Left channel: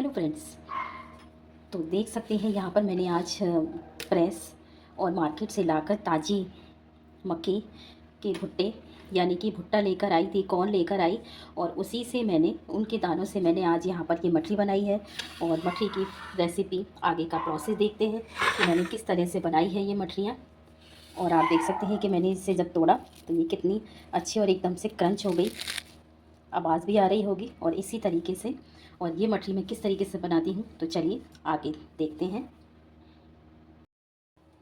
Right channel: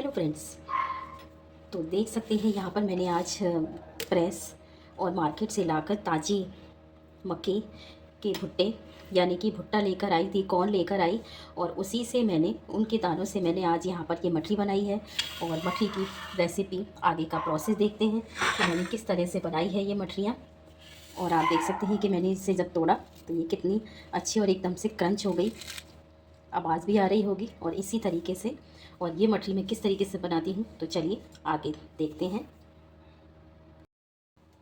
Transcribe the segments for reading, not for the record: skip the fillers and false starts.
Hello friends. तो देख सकते हैं यहाँ पर मैंने आज प्रेस और मार्केट से लाकर ताज़ी मक्के के भुट्टे यानी कि भुट्टा लेकर आई थी, कॉर्न लेकर आई और उसी से मैंने उनके दानों से मैंने आज यहाँ पर ये मठरी बनाई है। और मठरी की रेसिपी आगे का प्रोसेस देखते हैं कि मैंने किस तरह से बनाई है ये मठरियाँ। और आप देख सकते हैं कि मैंने इसे जब तोड़ा तो ये कितनी अच्छी और एकदम से क्रंच हो गई, आवाज़ भी आ रही होगी। और इसी तरीके से और ये मठरी मैं किस तरीके से बनाती हूँ तो चलिए आगे देखते हैं।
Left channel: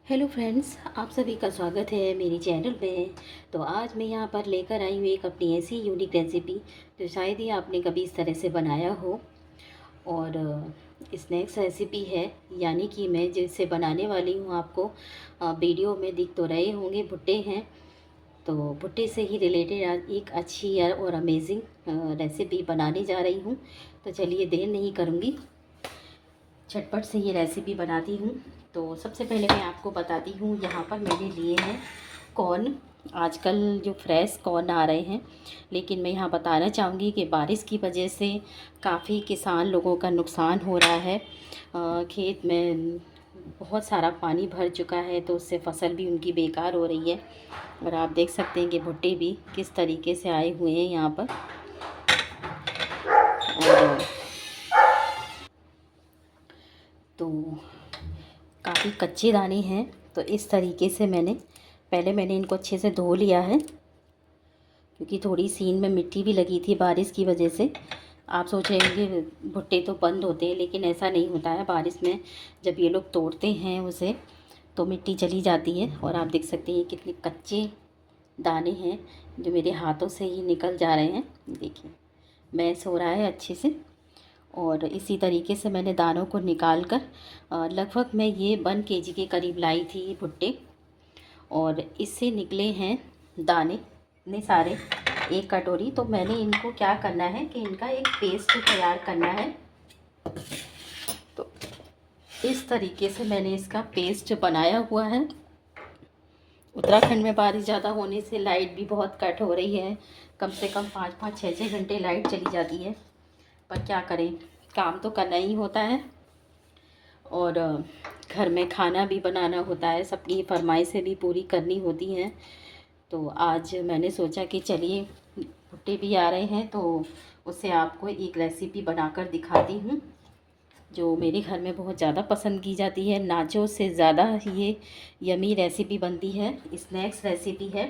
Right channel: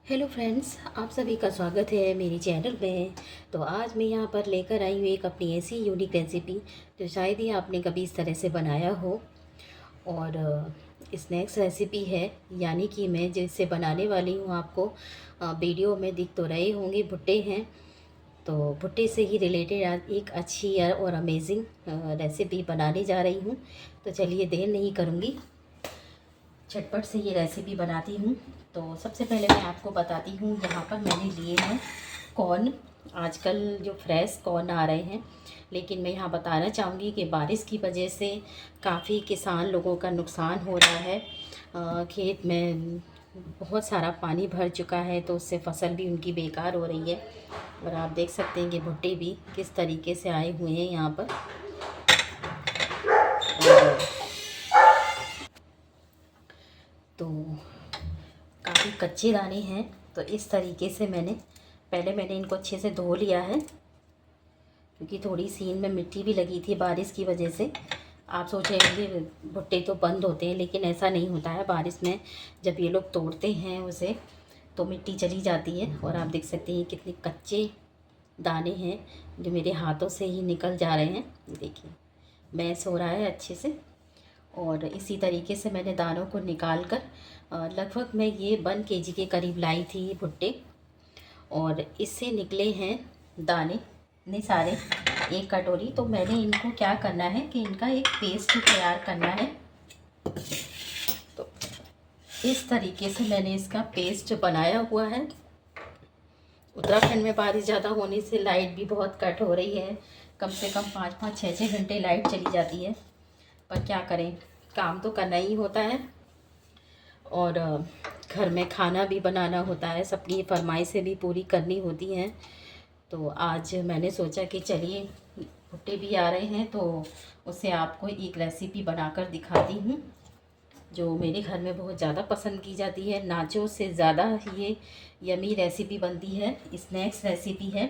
हेलो फ्रेंड्स, आप सभी का स्वागत है मेरी चैनल पे। तो आज मैं यहाँ पर लेकर आई हूँ एक अपनी ऐसी यूनिक रेसिपी जो शायद ही आपने कभी इस तरह से बनाया हो। और स्नैक्स रेसिपी है, यानी कि मैं जिसे बनाने वाली हूँ आपको वीडियो में दिख तो रहे होंगे, भुट्टे हैं। तो भुट्टे से ही रिलेटेड आज एक अच्छी और अमेजिंग रेसिपी बनाने जा रही हूँ। तो चलिए देर नहीं करूँगी, झटपट से ये रेसिपी बनाती हूँ। तो सबसे पहले मैं आपको बताती हूँ, यहाँ पर मैंने लिए हैं कॉर्न। आजकल जो फ्रेश कॉर्न आ रहे हैं, लेकिन मैं यहाँ बताना चाहूँगी कि बारिश की वजह से काफ़ी किसान लोगों का नुकसान हो रहा है। खेत में बहुत सारा पानी भर चुका है तो उससे फसल भी उनकी बेकार हो रही है। और आप देख सकते हैं कि भुट्टे भी किस तरीके से आए हुए हैं यहाँ पर। और तो काफ़ी कच्चे दाने हैं, तो इस तरीके से मैंने इनको अच्छे से धो लिया है, क्योंकि थोड़ी सी इनमें मिट्टी भी लगी थी बारिश की वजह से। आप सोच रहे होंगे भुट्टे तो बंद होते हैं, लेकिन ऐसा नहीं होता है। बारिश में जब ये लोग तोड़ते हैं उसे तो मिट्टी चली जाती है। और आप देख सकते हैं कितने कच्चे दाने हैं जो मेरे हाथों से ही निकल जा रहे हैं। देखिए मैश हो रहा है अच्छे से। और इसी तरीके से मैंने दानों को निकाल कर लगभग मैं ये 1 केजी के करीब लाई थी ये भुट्टे। और इससे निकले हैं दाने इतने सारे, 1 कटोरी। तो मैंने इनको क्या करना है कि इनका एक पेस्ट तैयार करना है। तो इस तरीके से मैंने इसका पेस्ट बनाया हुआ है। उत्तराखंड में बारिश ज़्यादा होने से लाइट भी बहुत कट हो रही है, कम से कम 5-5, 6-6 घंटे लाइट चली जाती है। पर क्या करें, काम तो करना ही होता है। और घर में खाना भी बनाना होता है, सबकी फरमाइशें भी पूरी करनी होती हैं। तो आज मैंने सोचा कि चलिए भुट्टे भी आ रहे हैं तो उससे आपको एक रेसिपी बनाकर दिखाती हूँ जो मेरे घर में बहुत ज़्यादा पसंद की जाती है। नाचो से ज़्यादा ये यमी रेसिपी बनती है, स्नैक्स रेसिपी है।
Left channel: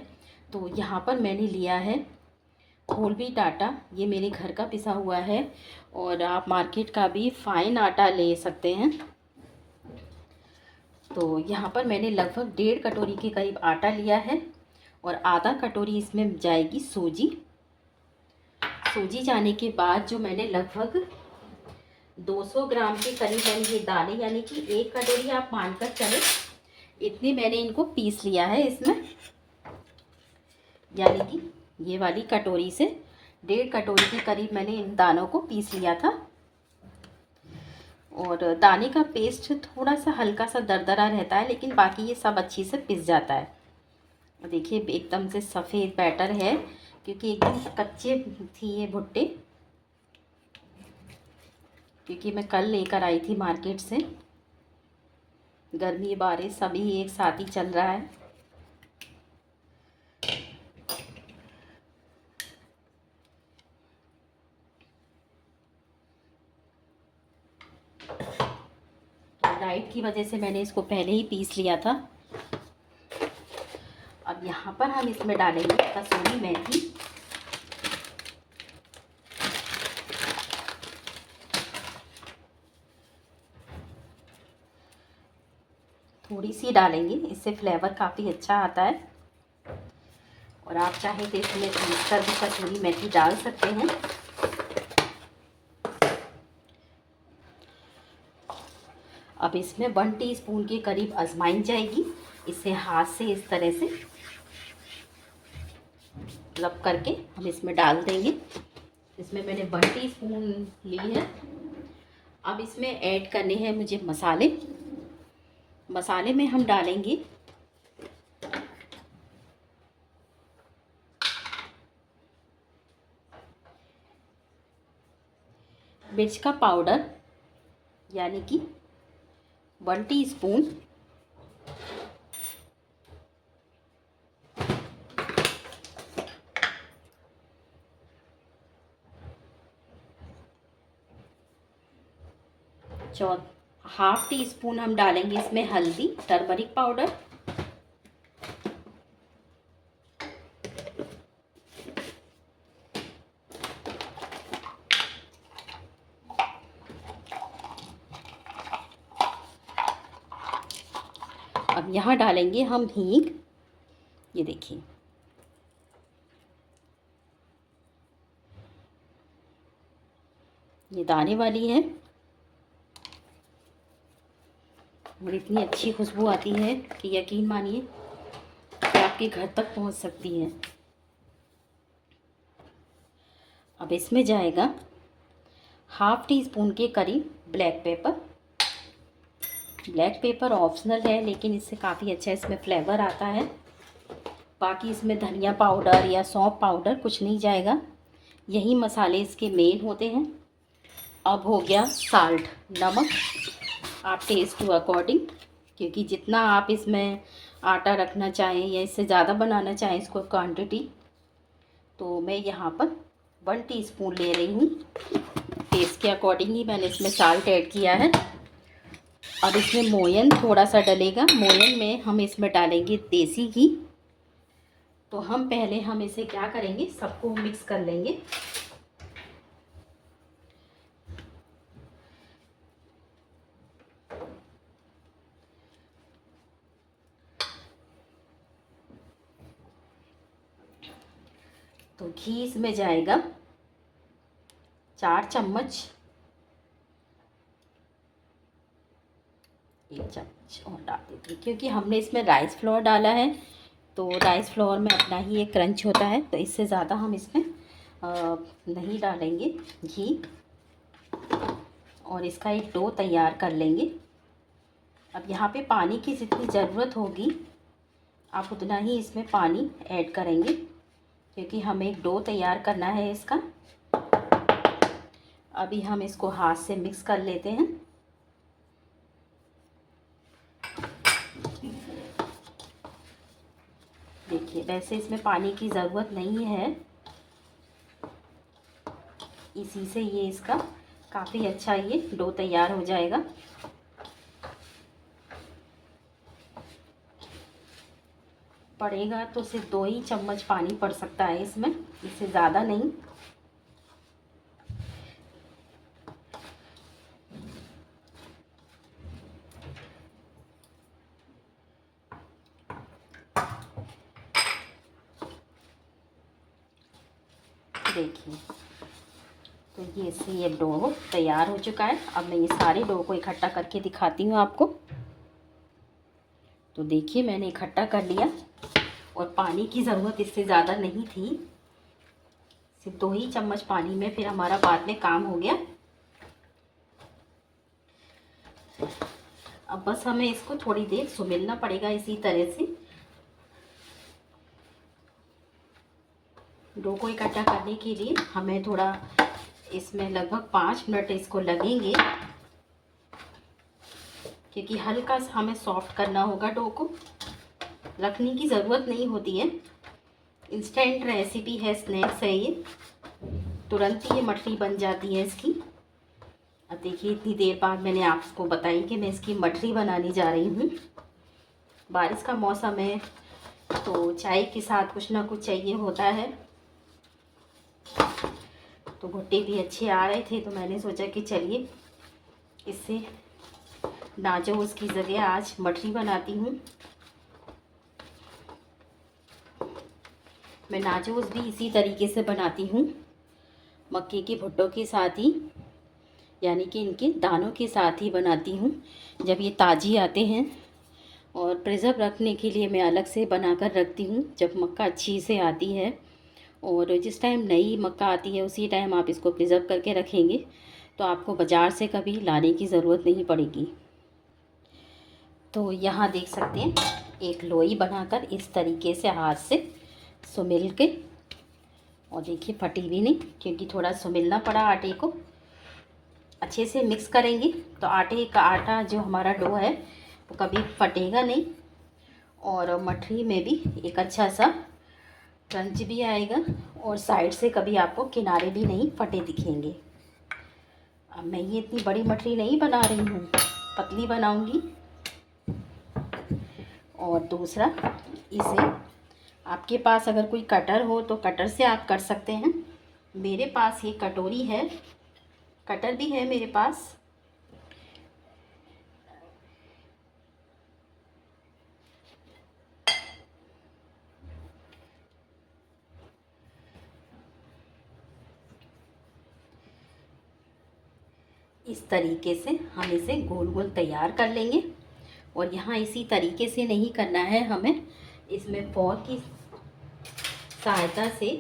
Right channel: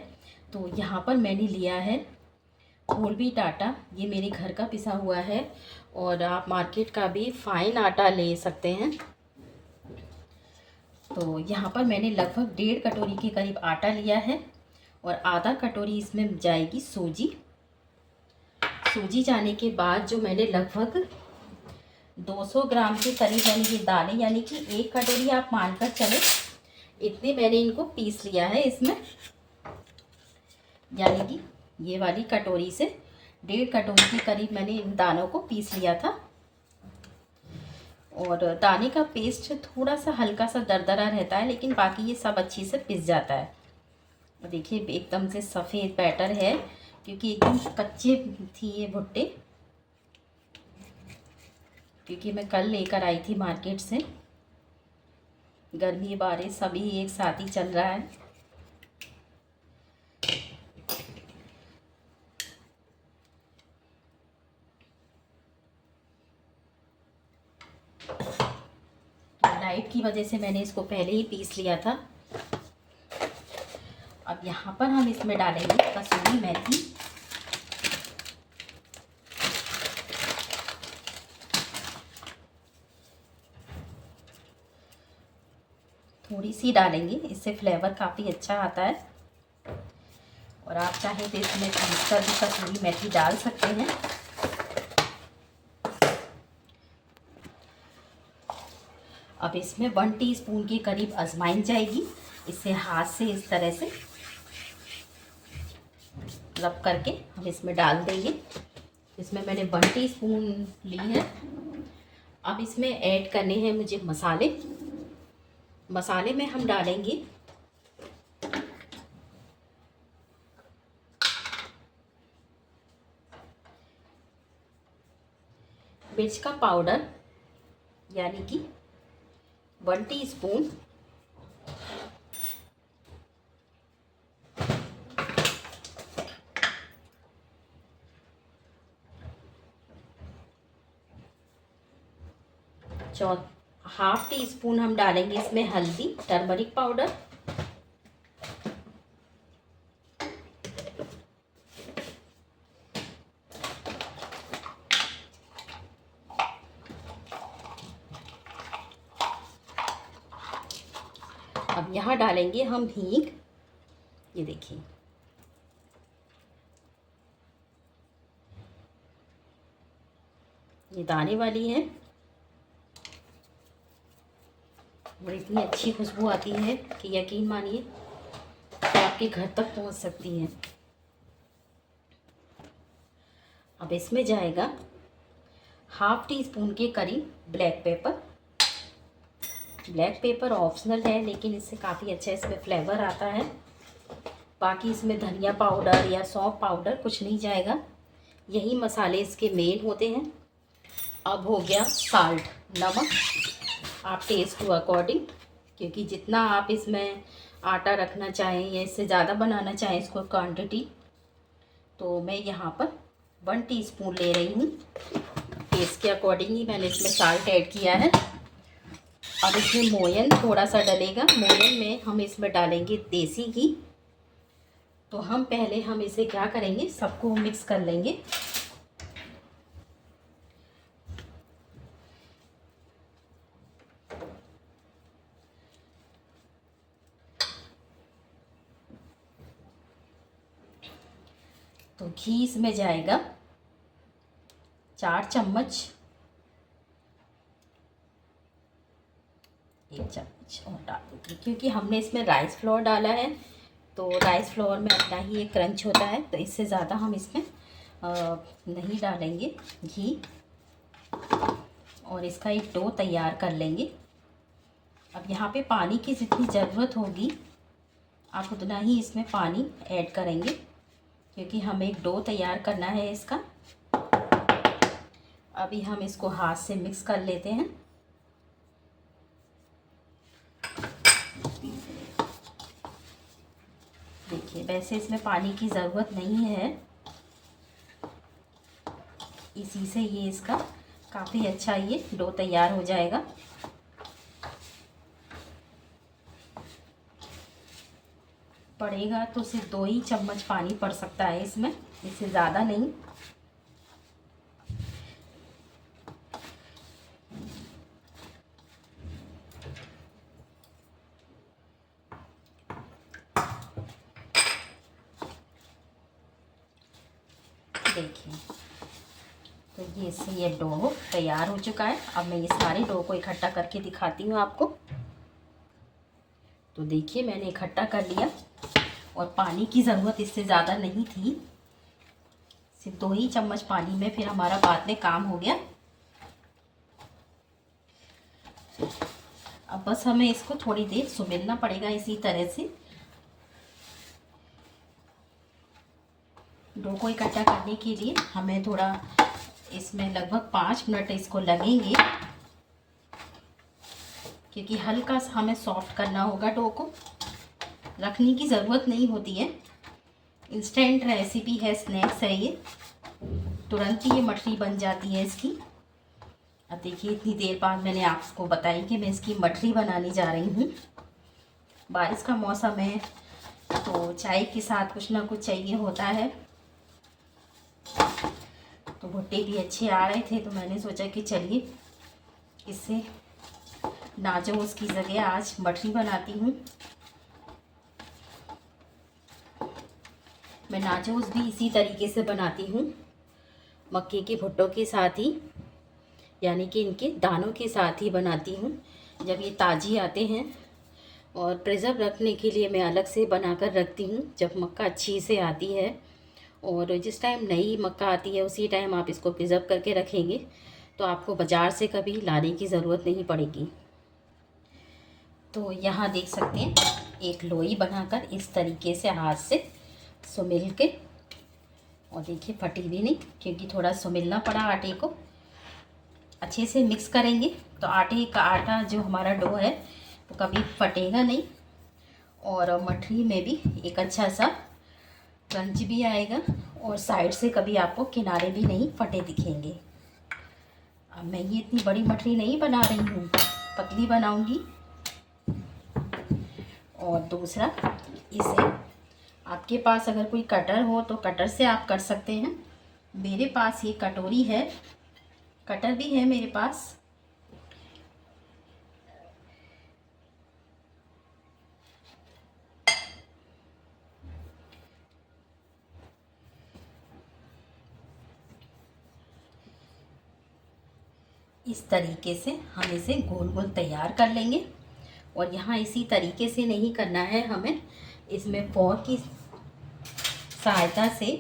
तो यहाँ पर मैंने लिया है होल व्हीट आटा, ये मेरे घर का पिसा हुआ है। और आप मार्केट का भी फाइन आटा ले सकते हैं। तो यहाँ पर मैंने लगभग 1.5 कटोरी के करीब आटा लिया है और आधा कटोरी इसमें जाएगी सूजी। सूजी जाने के बाद जो मैंने लगभग 200 ग्राम के करीब मैंने ये दाने, यानी कि 1 कटोरी आप मानकर चले, इतने मैंने इनको पीस लिया है इसमें। यानी कि ये वाली कटोरी से 1.5 कटोरी के करीब मैंने इन दानों को पीस लिया था। और दाने का पेस्ट थोड़ा सा हल्का सा दरदरा रहता है, लेकिन बाकी ये सब अच्छी से पिस जाता है। देखिए एकदम से सफ़ेद बैटर है, क्योंकि एकदम कच्चे थी ये भुट्टे, क्योंकि मैं कल लेकर आई थी मार्केट से। गर्मी बारिश सभी एक साथ ही चल रहा है। लाइट की वजह से मैंने इसको पहले ही पीस लिया था। अब यहाँ पर हम इसमें डालेंगे कसूरी मेथी। थोड़ी सी डालेंगे, इससे फ्लेवर काफ़ी अच्छा आता है। और आप चाहें तो इसमें पीसकर भी कसूरी मेथी डाल सकते हैं। अब इसमें 1 टीस्पून के करीब अजवाइन जाएगी। इसे हाथ से इस तरह से रब करके हम इसमें डाल देंगे। इसमें मैंने 1 टीस्पून ली है। अब इसमें ऐड करने हैं मुझे मसाले। मसाले में हम डालेंगे मिर्च का पाउडर यानी कि 1 टीस्पून हाफ टी स्पून हम डालेंगे इसमें हल्दी, टर्मरिक पाउडर। अब यहाँ डालेंगे हम हींग। ये देखिए, ये दाने वाली है और इतनी अच्छी खुशबू आती है कि यकीन मानिए कि आपके घर तक पहुंच सकती है। अब इसमें जाएगा हाफ टी स्पून के करीब black pepper. Black pepper optional है, लेकिन इससे काफ़ी अच्छा इसमें फ्लेवर आता है। बाकी इसमें धनिया पाउडर या सौंफ पाउडर कुछ नहीं जाएगा, यही मसाले इसके मेन होते हैं। अब हो गया साल्ट, नमक, आप टेस्ट टू अकॉर्डिंग, क्योंकि जितना आप इसमें आटा रखना चाहें या इससे ज़्यादा बनाना चाहें इसको क्वांटिटी, तो मैं यहाँ पर 1 टीस्पून ले रही हूँ। टेस्ट के अकॉर्डिंग ही मैंने इसमें साल्ट ऐड किया है। अब इसमें मोयन थोड़ा सा डलेगा। मोयन में हम इसमें डालेंगे देसी घी। तो हम इसे क्या करेंगे, सबको मिक्स कर लेंगे। तो घी इसमें जाएगा 4 चम्मच, 1 चम्मच और डाल देंगे, क्योंकि हमने इसमें राइस फ्लोर डाला है। तो राइस फ्लोर में अपना ही एक क्रंच होता है, तो इससे ज़्यादा हम इसमें नहीं डालेंगे घी। और इसका एक डो तैयार कर लेंगे। अब यहाँ पे पानी की जितनी ज़रूरत होगी आप उतना ही इसमें पानी ऐड करेंगे, क्योंकि हमें एक डो तैयार करना है इसका। अभी हम इसको हाथ से मिक्स कर लेते हैं। देखिए, वैसे इसमें पानी की ज़रूरत नहीं है, इसी से ये इसका काफ़ी अच्छा ये डो तैयार हो जाएगा। पड़ेगा तो सिर्फ 2 ही चम्मच पानी पड़ सकता है इसमें, इससे ज़्यादा नहीं। देखिए, तो ये डो तैयार हो चुका है। अब मैं ये सारे डो को इकट्ठा करके दिखाती हूँ आपको। तो देखिए, मैंने इकट्ठा कर लिया और पानी की ज़रूरत इससे ज़्यादा नहीं थी, सिर्फ 2 ही चम्मच पानी में फिर हमारा बाद में काम हो गया। अब बस हमें इसको थोड़ी देर सुमेलना पड़ेगा इसी तरह से। डो को इकट्ठा करने के लिए हमें थोड़ा इसमें लगभग 5 मिनट इसको लगेंगे, क्योंकि हल्का सा हमें सॉफ्ट करना होगा। डो को रखने की ज़रूरत नहीं होती है, इंस्टेंट रेसिपी है, स्नैक्स है ये, तुरंत ही ये मठरी बन जाती है इसकी। अब देखिए, इतनी देर बाद मैंने आपको बताई कि मैं इसकी मठरी बनाने जा रही हूँ। बारिश का मौसम है तो चाय के साथ कुछ ना कुछ चाहिए होता है। तो भुट्टे भी अच्छे आ रहे थे, तो मैंने सोचा कि चलिए इससे नाचोस की जगह आज मठरी बनाती हूँ। मैं नाचोस भी इसी तरीके से बनाती हूँ, मक्के के भुट्टों के साथ ही, यानी कि इनके दानों के साथ ही बनाती हूँ। जब ये ताज़ी आते हैं, और प्रिजर्व रखने के लिए मैं अलग से बनाकर रखती हूँ जब मक्का अच्छी से आती है। और जिस टाइम नई मक्का आती है उसी टाइम आप इसको प्रिजर्व करके रखेंगे तो आपको बाज़ार से कभी लाने की ज़रूरत नहीं पड़ेगी। तो यहाँ देख सकते हैं, एक लोई बनाकर इस तरीके से हाथ से सुमिल के, और देखिए फटी भी नहीं, क्योंकि थोड़ा सुमिलना पड़ा आटे को। अच्छे से मिक्स करेंगे तो आटे का आटा जो हमारा डो है वो कभी फटेगा नहीं और मठरी में भी एक अच्छा सा क्रंच भी आएगा और साइड से कभी आपको किनारे भी नहीं फटे दिखेंगे। अब मैं ये इतनी बड़ी मठरी नहीं बना रही हूँ, पतली बनाऊँगी। और दूसरा, इसे आपके पास अगर कोई कटर हो तो कटर से आप कर सकते हैं। मेरे पास ये कटोरी है, कटर भी है मेरे पास। इस तरीके से हम इसे गोल गोल तैयार कर लेंगे। और यहाँ इसी तरीके से नहीं करना है, हमें इसमें फोर्क की सहायता से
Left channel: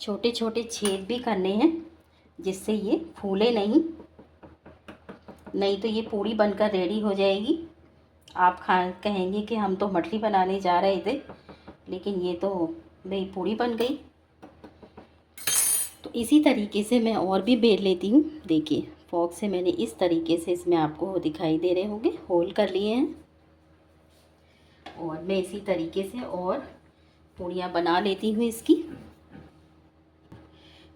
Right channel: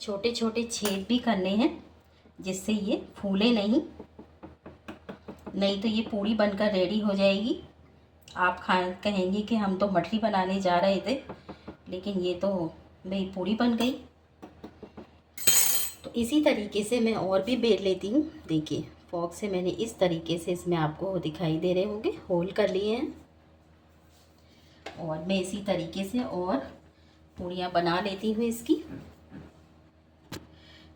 छोटे छोटे छेद भी करने हैं जिससे ये फूले नहीं तो ये पूड़ी बनकर रेडी हो जाएगी। आप कहेंगे कि हम तो मठरी बनाने जा रहे थे, लेकिन ये तो मेरी पूड़ी बन गई। तो इसी तरीके से मैं और भी बेल लेती हूँ। देखिए, फोर्क से मैंने इस तरीके से, इसमें आपको दिखाई दे रहे होंगे, होल कर लिए हैं। और मैं इसी तरीके से और पूड़ियाँ बना लेती हूँ इसकी।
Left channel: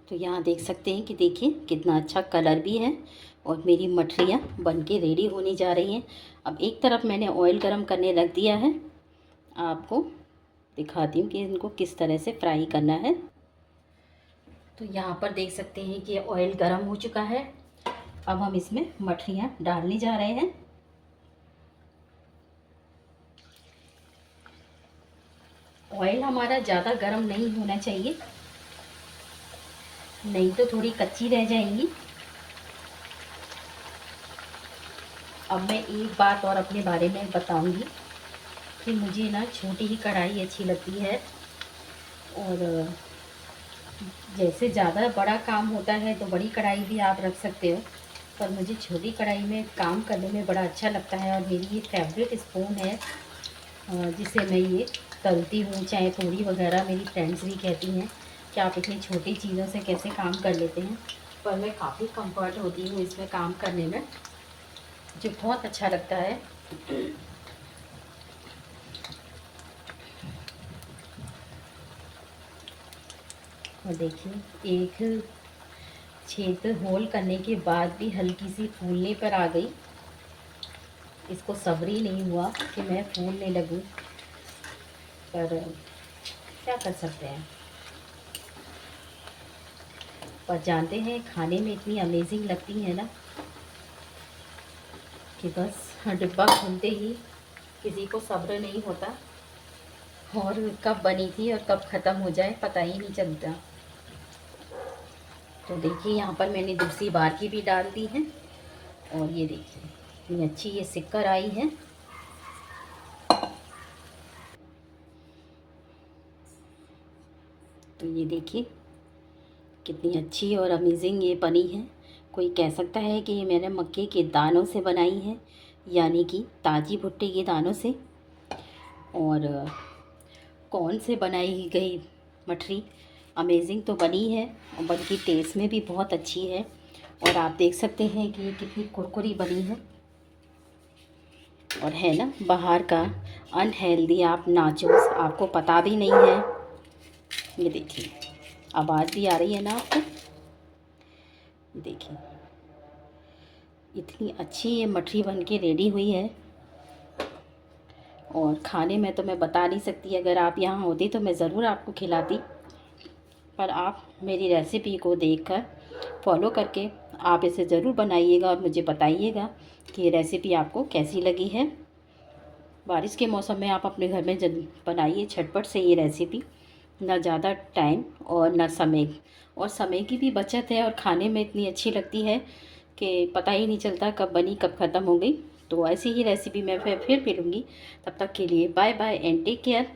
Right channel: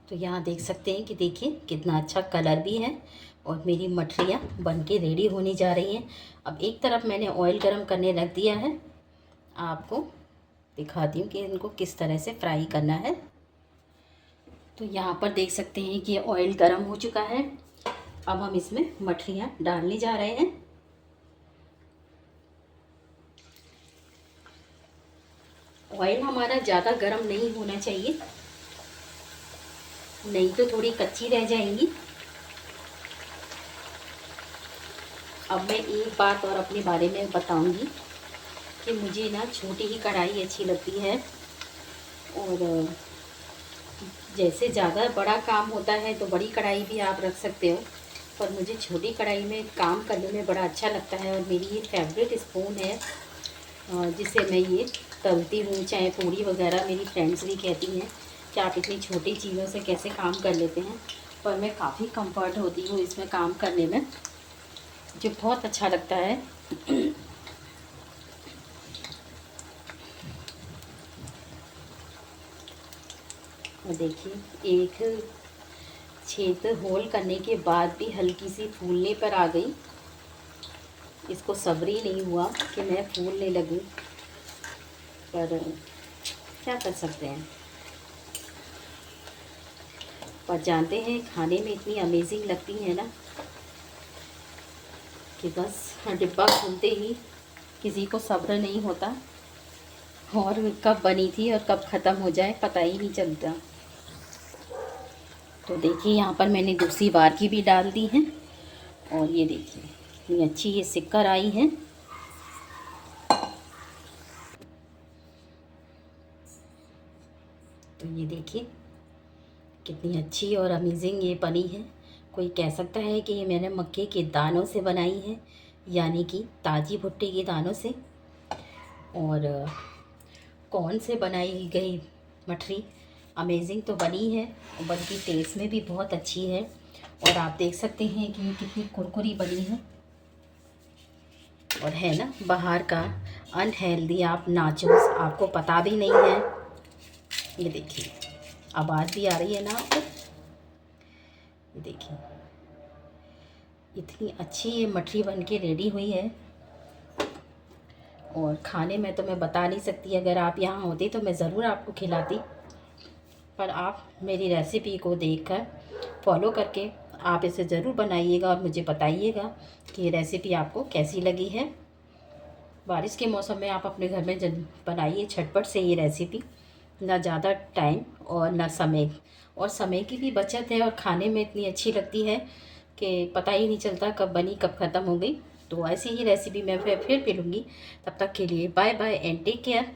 तो यहाँ देख सकते हैं कि देखिए कितना अच्छा कलर भी है और मेरी मठरियाँ बन के रेडी होने जा रही हैं। अब एक तरफ मैंने ऑयल गरम करने रख दिया है, आपको दिखाती हूँ कि इनको किस तरह से फ्राई करना है। तो यहाँ पर देख सकते हैं कि ऑयल गरम हो चुका है। अब हम इसमें मठरियाँ डालने जा रहे हैं। ऑयल हमारा ज़्यादा गरम नहीं होना चाहिए, नहीं तो थोड़ी कच्ची रह जाएंगी। अब मैं एक बात और अपने बारे में बताऊंगी कि मुझे ना छोटी ही कढ़ाई अच्छी लगती है। और जैसे ज़्यादा बड़ा काम होता है तो बड़ी कढ़ाई भी आप रख सकते हो, पर मुझे छोटी कढ़ाई में काम करने में बड़ा अच्छा लगता है। और मेरी ये फेवरेट स्पून है जिसे मैं ये तलती हूँ, चाहे पूड़ी वगैरह। मेरी फ्रेंड्स भी कहती हैं कि आप इतनी छोटी चीज़ों से कैसे काम कर लेते हैं, पर मैं काफ़ी कंफर्ट होती हूँ इसमें काम करने में, जो बहुत अच्छा लगता है। और देखिए, एक छेद होल करने के बाद भी हल्की सी फूलने पर आ गई। इसको सब्र ही नहीं हुआ कि मैं फूलने लगी, पर क्या कर सकते हैं। पर जानते हैं, खाने में इतनी अमेजिंग लगती है ना कि बस डिब्बा खोलते ही किसी को सब्र नहीं होता, और कब बनी थी और कब ख़त्म हो जाए पता ही नहीं चलता। तो देखिए, यहाँ पर मैंने दूसरी बार की भी डाल दी है और ये देखिए कितनी अच्छी ये सिक्कर आई है। तो ये देखिए कितनी अच्छी और अमेजिंग ये बनी है। कोई कह सकता है कि ये मैंने मक्के के दानों से बनाई है, यानी कि ताज़ी भुट्टे के दानों से। और कौन से बनाई गई मठरी अमेजिंग तो बनी है, बल्कि टेस्ट में भी बहुत अच्छी है। और आप देख सकते हैं कि ये कितनी कुरकुरी बनी है। और है ना, बाहर का अनहेल्दी आप नाचोस आपको पता भी नहीं है। ये देखिए, आवाज़ भी आ रही है ना आपको। ये देखिए इतनी अच्छी ये मठरी बन के रेडी हुई है। और खाने में तो मैं बता नहीं सकती, अगर आप यहाँ होती तो मैं ज़रूर आपको खिलाती, पर आप मेरी रेसिपी को देखकर फॉलो करके आप इसे ज़रूर बनाइएगा और मुझे बताइएगा कि ये रेसिपी आपको कैसी लगी है। बारिश के मौसम में आप अपने घर में बनाइए झटपट से ये रेसिपी, ना ज़्यादा टाइम और ना समय, और समय की भी बचत है, और खाने में इतनी अच्छी लगती है कि पता ही नहीं चलता कब बनी कब ख़त्म हो गई। तो ऐसी ही रेसिपी मैं फिर मिलूँगी। तब तक के लिए bye bye and take care.